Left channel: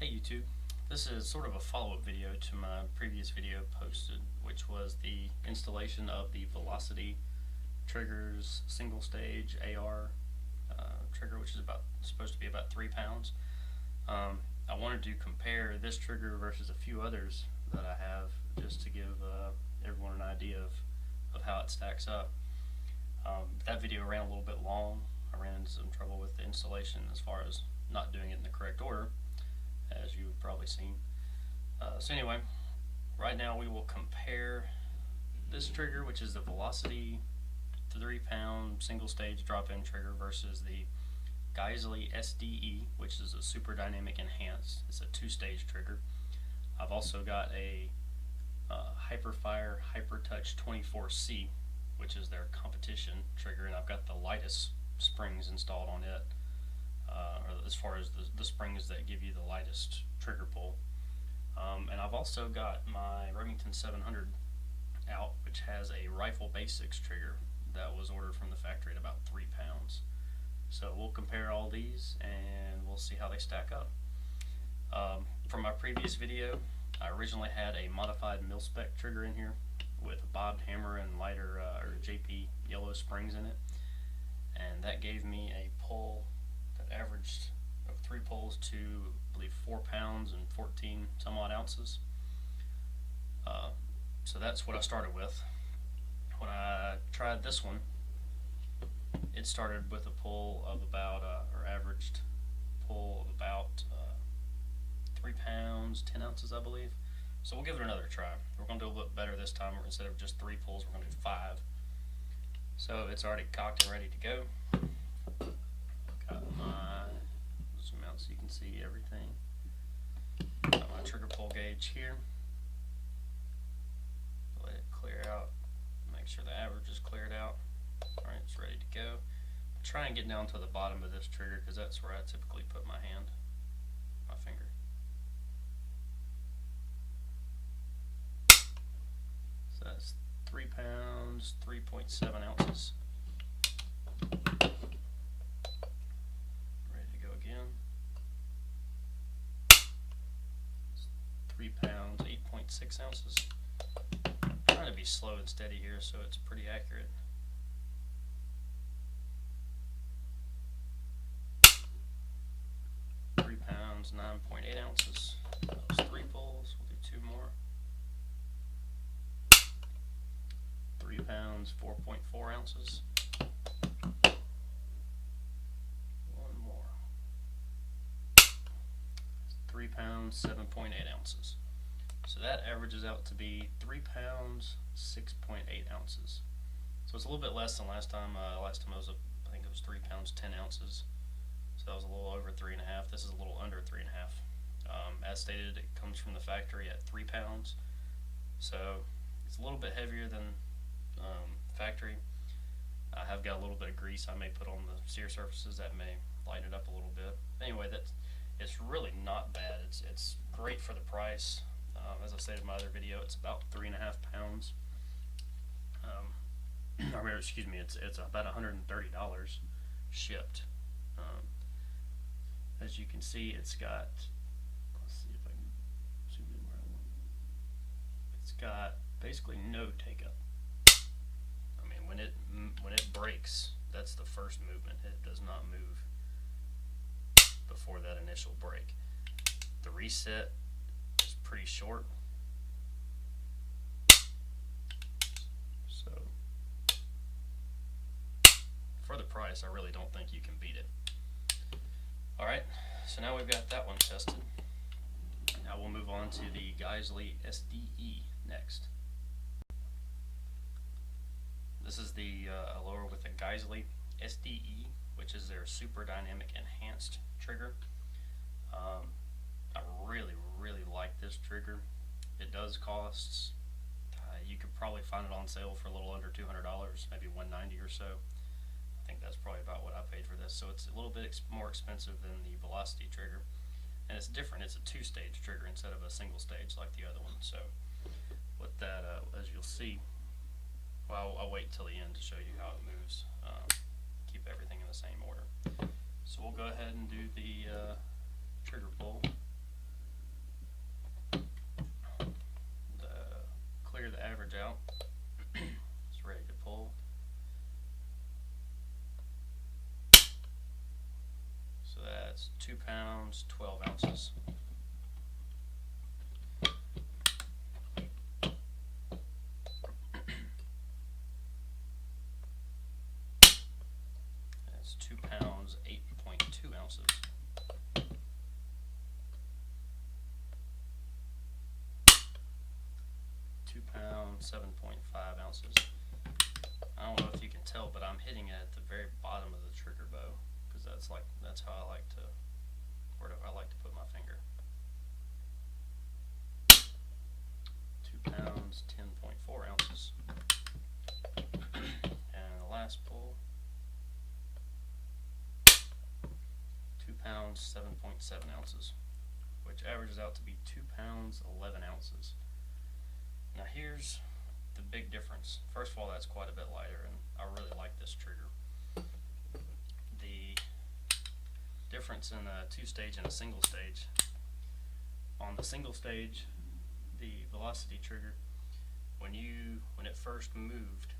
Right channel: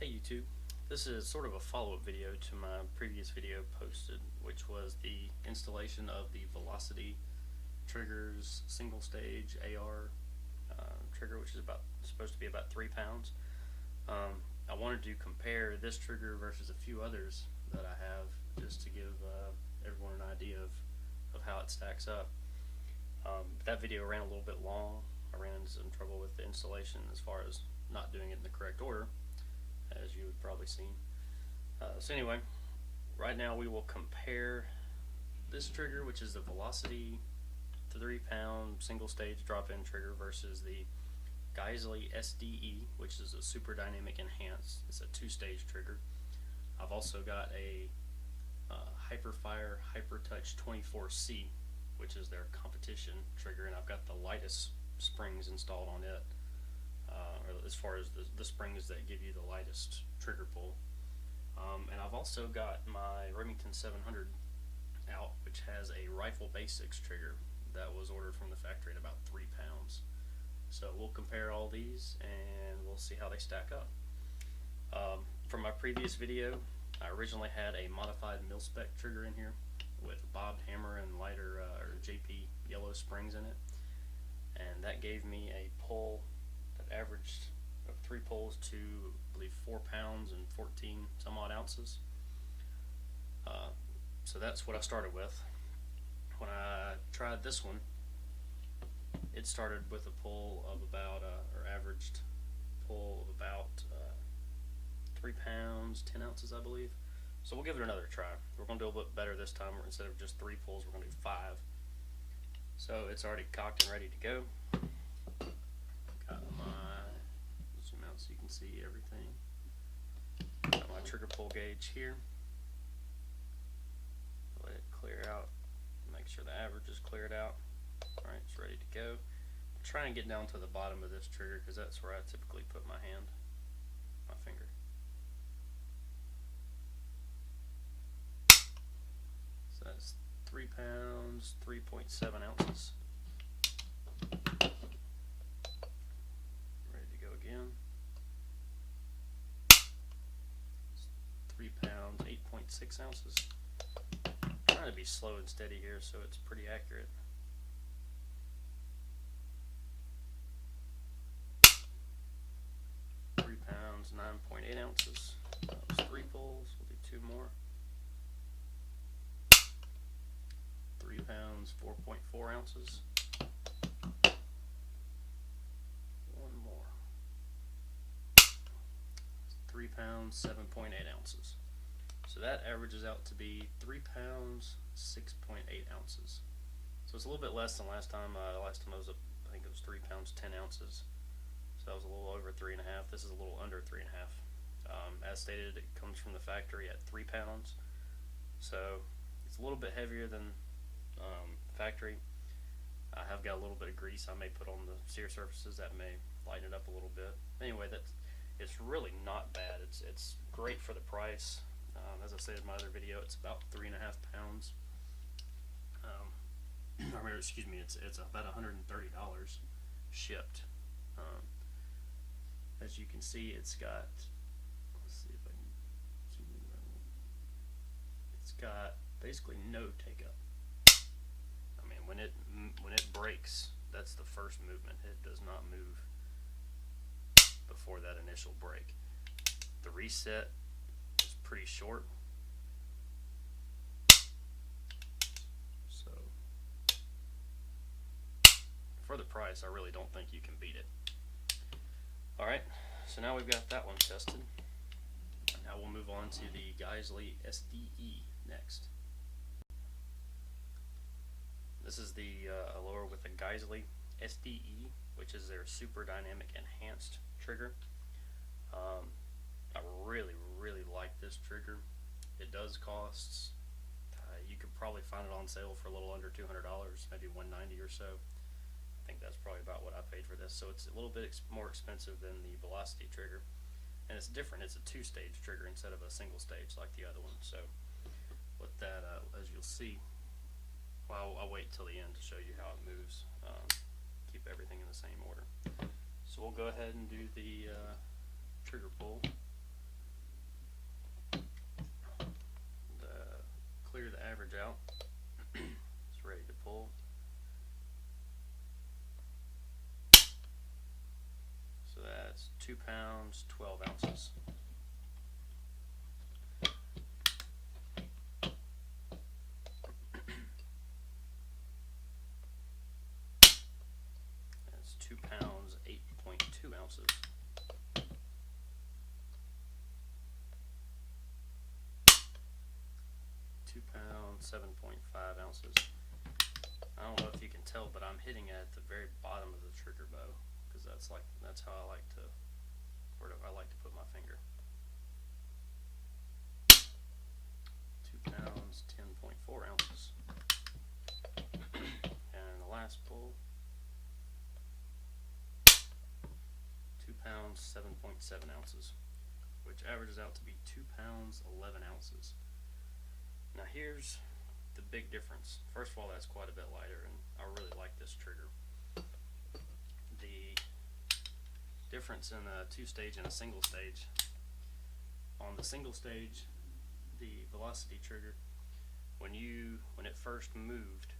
Hey YouTube, this is sort of a follow-up video to my previous video posted, which was the installation of the Velocity Triggers single stage AR trigger, which is supposed to be about 3 pounds. I wanted to compare this trigger versus a few others that I have, just to give everyone an idea of how it stacks up. That video ran a little bit long. I ran into some trouble with the installation as far as not doing it in the correct order, as you've probably seen. So anyway, right now we will compare this trigger, which is the Velocity 3 pound single stage drop-in trigger, versus the Geissele SD-E, which is a super dynamic enhanced. It's a 2-stage trigger. I've also got a Hiperfire Hipertouch 24C, which is their competition trigger, and I've got the lightest springs installed on it. Or as far as the springs that give you the lightest trigger pull. And I've also got my Remington 700 out, which has a rifle Basix trigger that was ordered from the factory at about 3 pounds. So we'll compare all these and we'll see how they stack up. From my previous video, I originally had a modified mil-spec trigger in here with a bobbed hammer and lighter or JP yellow springs in it, and that gave me a pull that averaged 3 pulls to, I believe, 4 pounds and 14 some odd ounces. So that's what I started with. When I tried this one, it started with a pull of about, or averaged pull of about 3 pounds, 10 ounces, I believe. So we'll give it another try. We're going to do a little bit better this time. Instead of just 3 pulls, we're going to do 5. So it's already cocked and ready to go. Got my, zoom out so you can see everything. Got my trigger pull gauge here. Let it clear out. Make sure the average is cleared out. Alright, it's ready to go. I'll try and get down to the bottom of this trigger because that's where I typically put my hand, my finger. So that's 3 pounds, 3.7 ounces. Ready to go again. 3 pounds, 8.6 ounces. I'm trying to be slow and steady here so it's pretty accurate. 3 pounds, 9.8 ounces. That was 3 pulls. We'll do 2 more. 3 pounds, 4.4 ounces. 1 more. 3 pounds, 7.8 ounces. So that averages out to be 3 pounds, 6.8 ounces. So it's a little bit less than last time. Last time I think it was 3 pounds, 10 ounces. So that was a little over 3.5. This is a little under 3.5. As stated, it comes from the factory at 3 pounds. So it's a little bit heavier than factory. I have got a little bit of grease I may put on the sear surfaces that may lighten it up a little bit. Anyway, it's really not bad. It's great for the price. As I stated in my other video, it's about 3.5 pounds. Excuse me, it's about $130 shipped. As you can see, it's got, let's see if I can zoom in where I want. It's got basically no take up. I mean, when it breaks, that's the first movement. It does not move before that initial break. The reset is pretty short. So for the price, I really don't think you can beat it. Alright, so now we've got that one tested. Now we'll move on to the Geissele SD-E next. This is the lower with the Geissele SD-E, which is their super dynamic enhanced trigger. I really like this trigger. It does cost, you could probably find it on sale for a little under $200, maybe $190 or so. I think that's probably about what I paid for this. So it's a little bit more expensive than the Velocity trigger, and it's different. It's a 2-stage trigger instead of a single stage like the other one. So with that, as you'll see, well, I'll wait till the end to show you how it moves. Keep everything in the same order. So we'll go ahead and do the trigger pull. That's 2 pounds, 12 ounces. That's 2 pounds, 8.2 ounces. Pounds, 7.5 ounces. I don't know if you can tell, but I'm hitting it at the very bottom of the trigger bow because that's how I like to, where I like to put my finger. 2 pounds, 10.4 ounces. And the last pull, 2 pounds, 7.7 ounces, which averages out to be 2 pounds, 11 ounces. Now here's the big difference. First of all, that's quite a bit lighter, and I really like this trigger. The difference in a 2-stage and a single stage. On the single stage, the velocity trigger, when it first moved,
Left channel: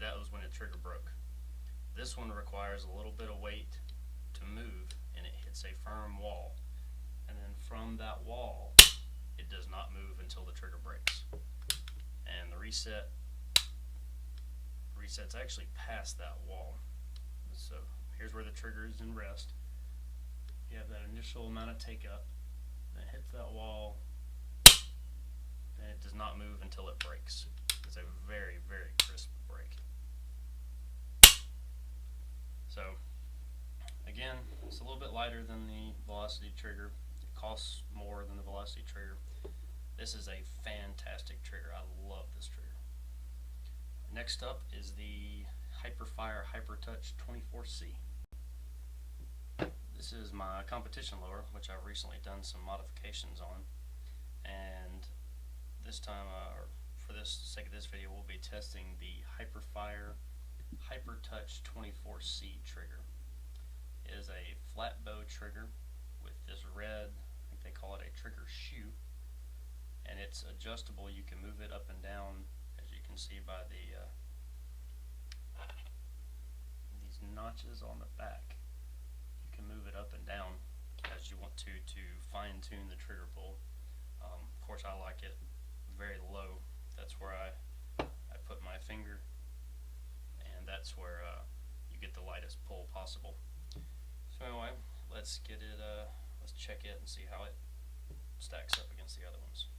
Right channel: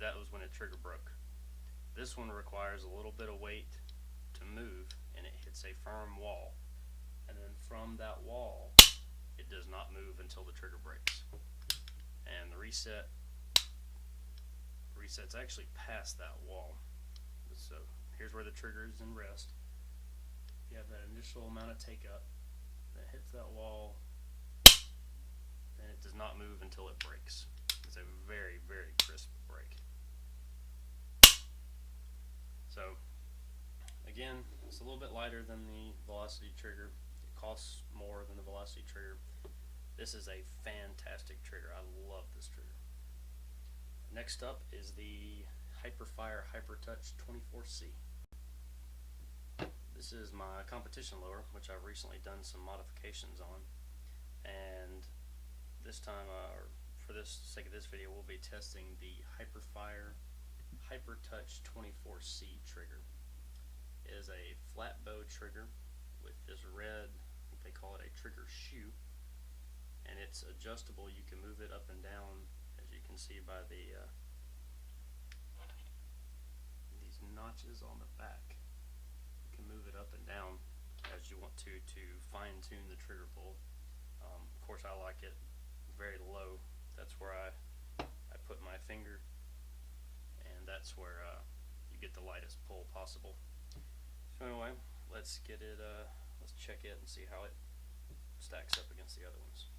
that was when it trigger broke. This one requires a little bit of weight to move, and it hits a firm wall. And then from that wall, it does not move until the trigger breaks. And the resets actually past that wall. So here's where the trigger is in rest. You have that initial amount of take up, then it hits that wall, and it does not move until it breaks. It's a very, very crisp break. So again, it's a little bit lighter than the velocity trigger. It costs more than the velocity trigger. This is a fantastic trigger. I love this trigger. Next up is the Hiperfire Hipertouch 24C. This is my competition lower, which I've recently done some modifications on. And this time, for the sake of this video, we'll be testing the Hiperfire Hipertouch 24C trigger. It is a flat bow trigger with this red, I think they call it a trigger shoe. And it's adjustable. You can move it up and down, as you can see by these notches on the back. You can move it up and down as you want to fine tune the trigger pull. Of course, I like it very low. That's where I put my finger, and that's where you get the lightest pull possible. So anyway, let's get it. Let's check it and see how it stacks up against the other ones.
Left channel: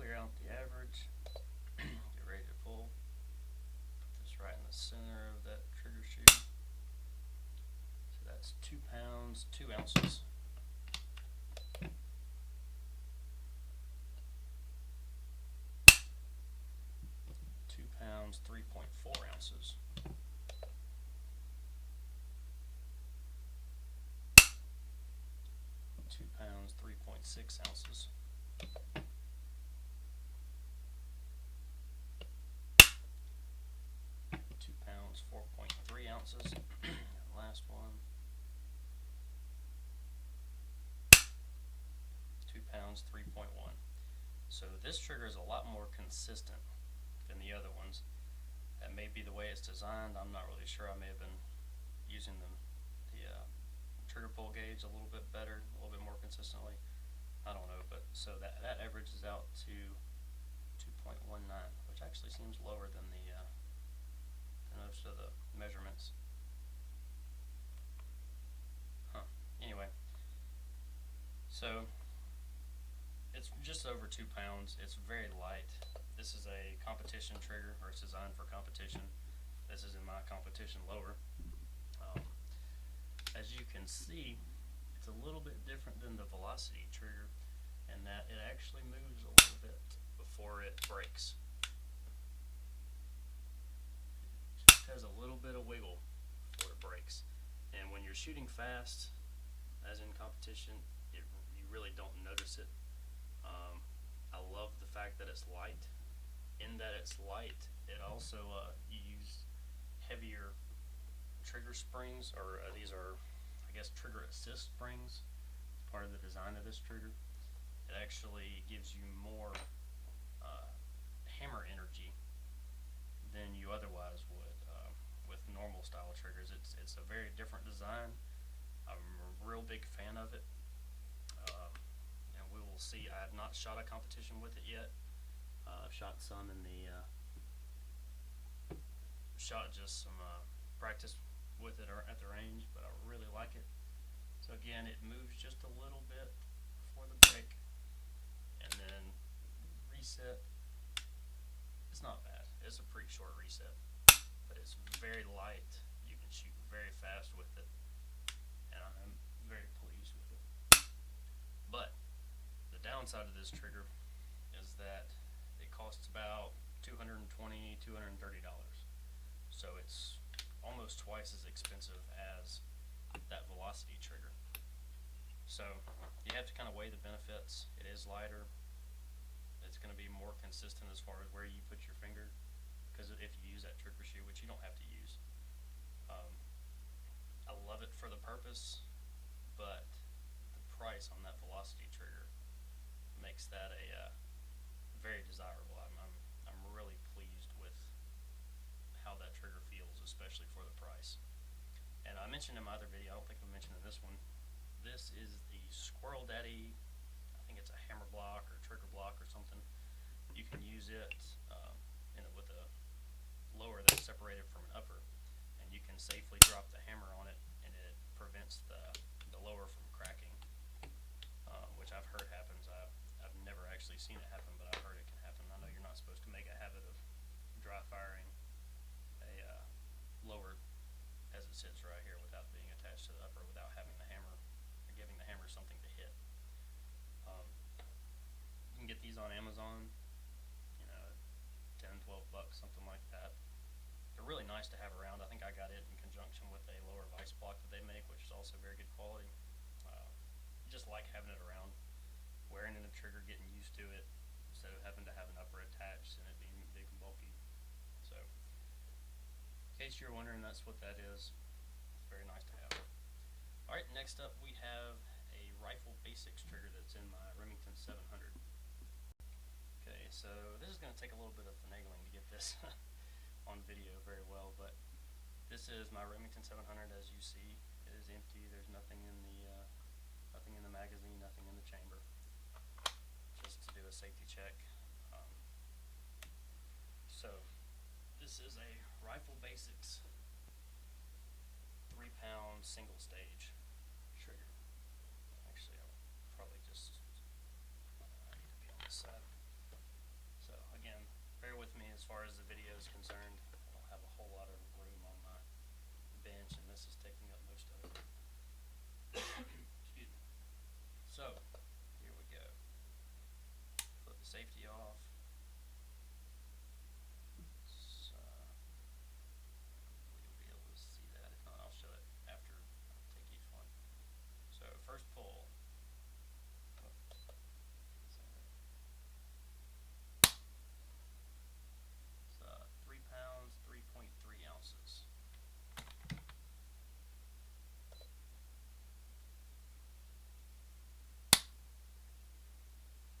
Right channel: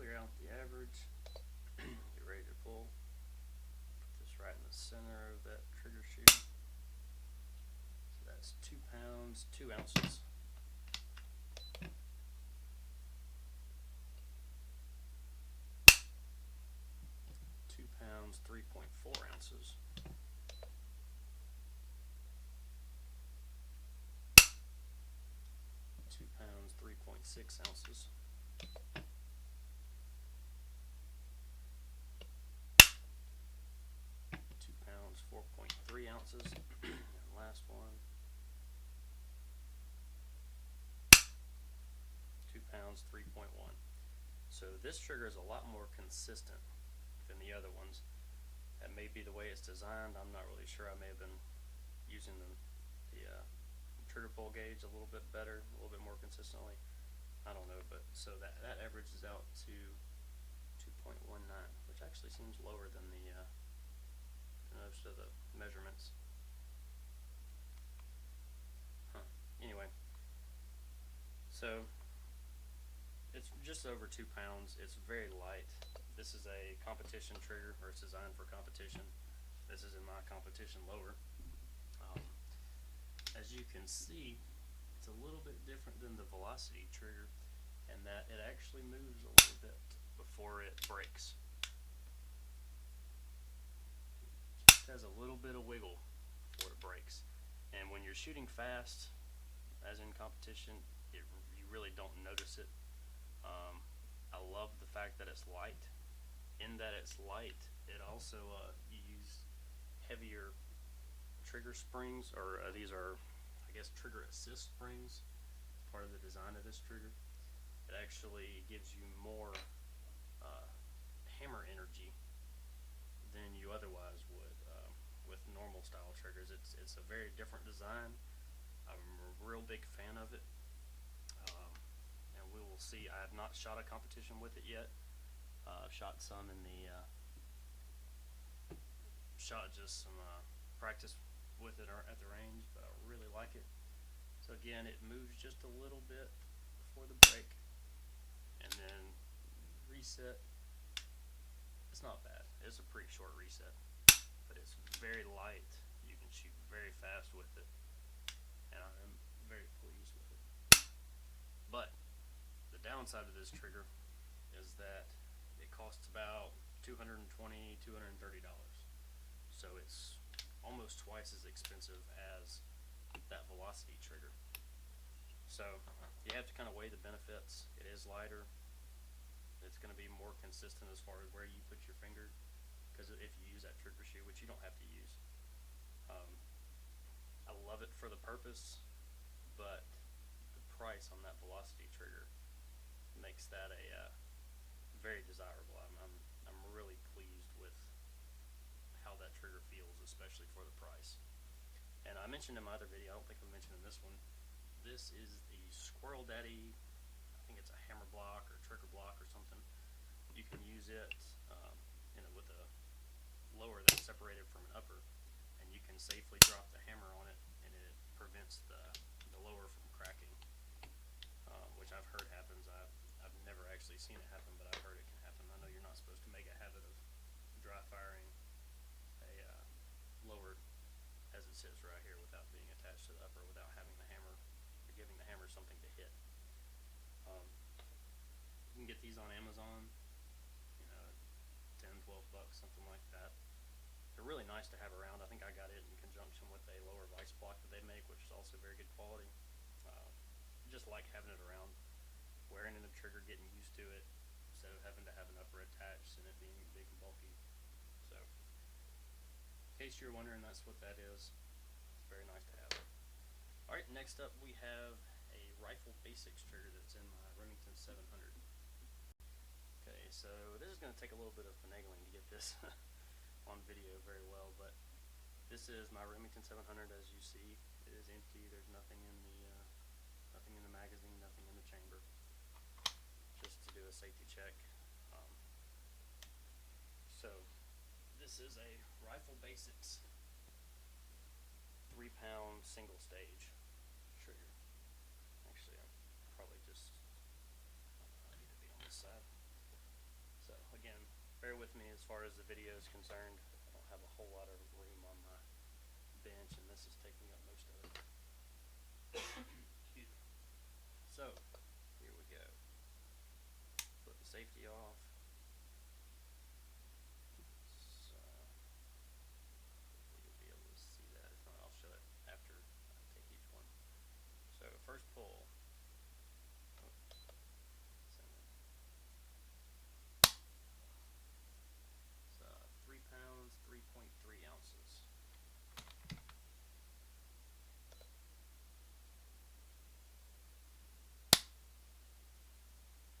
Clear out the average, get ready to pull, put this right in the center of that trigger shoe. So that's 2 pounds, 2 ounces. 2 pounds, 3.4 ounces. 2 pounds, 3.6 ounces. 4.3 ounces. And last one, 2 pounds, 3.1. So this trigger is a lot more consistent than the other ones. That may be the way it's designed. I'm not really sure. I may have been using the trigger pull gauge a little bit better, a little bit more consistently. I don't know, but so that averages out to 2.19, which actually seems lower than most of the measurements. Anyway, so it's just over 2 pounds. It's very light. This is a competition trigger, or it's designed for competition. This is in my competition lower. As you can see, it's a little bit different than the velocity trigger in that it actually moves a little bit before it breaks. Just has a little bit of wiggle before it breaks. And when you're shooting fast, as in competition, you really don't notice it. I love the fact that it's light. In that it's light, it also, you use heavier trigger springs, or these are, I guess, trigger assist springs. Part of the design of this trigger. It actually gives you more hammer energy style triggers. It's a very different design. I'm a real big fan of it, and we will see. I have not shot a competition with it yet. I've shot some in the shot just some practice with it at the range, but I really like it. So again, it moves just a little bit before the break, and then reset. It's not bad. It's a pretty short reset, but it's very light. You can shoot very fast with it, and I'm very pleased with it. But the downside of this trigger is that it costs about $220, $230. So it's almost twice as expensive as that velocity trigger. So you have to kind of weigh the benefits. It is lighter. It's going to be more consistent as far as where you put your finger, because if you use that trigger shoe, which you don't have to use. I love it for the purpose, but the price on that velocity trigger makes that a very desirable. I'm really pleased with how that trigger feels, especially for the price. And I mentioned in my other video, I don't think I mentioned in this one, this is the Squirrel Daddy, I think it's a hammer block or trigger block or something. You can use it with a lower that's separated from an upper, and you can safely drop the hammer on it, and it prevents the lower from cracking, which I've heard happens. I've never actually seen it happen, but I've heard it can happen. I know you're not supposed to make a habit of dry firing a lower as it sits right here without being attached to the upper, without having the hammer or giving the hammer something to hit. You can get these on Amazon, 10, $12, something like that. They're really nice to have around. I think I got it in conjunction with a lower vice block that they make, which is also very good quality. Just like having it around, wearing in a trigger, getting used to it, instead of having to have an upper attached and it being big and bulky. So, in case you're wondering, that's what that is. It's very nice to have. Alright, next up we have a rifle Basix trigger that's in my Remington 700. Okay, so this is going to take a little bit of finagling to get this on video very well, but this is my Remington 700. As you see, it is empty. There's nothing in the magazine, nothing in the chamber. Just to do a safety check. So this is a rifle Basix 3-pound single stage trigger. Actually, I'll probably just I need to be on this side. So again, bear with me as far as the video is concerned. I don't have a whole lot of room on my bench, and this is taking up most of it. Excuse me. So here we go. Flip the safety off. So hopefully you'll be able to see that. If not, I'll show it after I take each one. So first pull. It's 3 pounds, 3.3 ounces.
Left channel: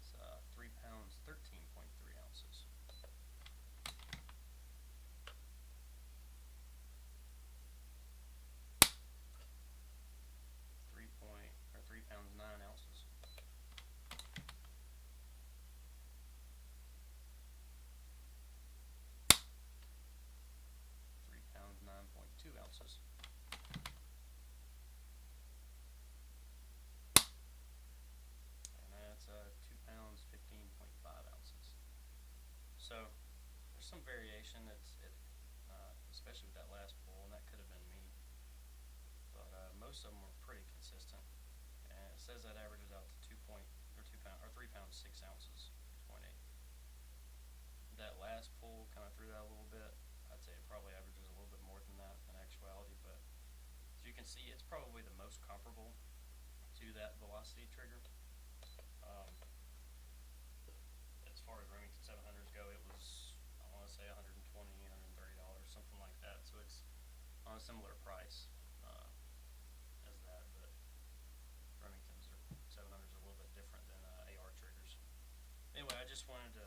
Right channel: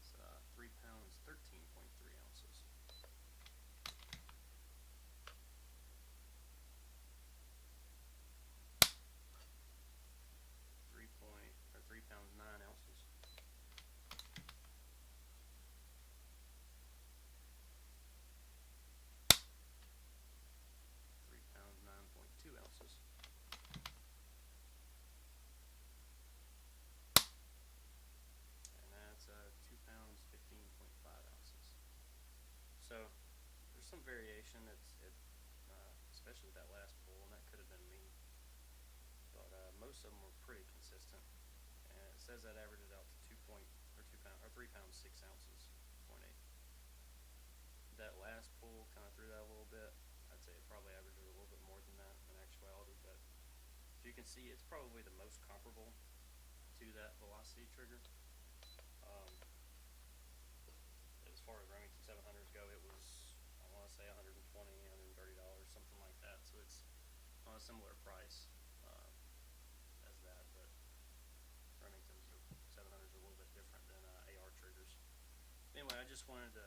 It's 3 pounds, 13.3 ounces. 3 pounds, 9 ounces. 3 pounds, 9.2 ounces. And that's 2 pounds, 15.5 ounces. So there's some variation. Especially with that last pull, and that could have been me, but most of them were pretty consistent. And it says that averages out to 3 pounds 6 ounces, 2.8. That last pull kind of threw that a little bit. I'd say it probably averages a little bit more than that in actuality, but as you can see, it's probably the most comparable to that velocity trigger. As far as Remington 700s go, it was, I want to say, $120, $130, something like that. So it's on a similar price as that, but Remington's or 700s are a little bit different than AR triggers. Anyway, I just wanted to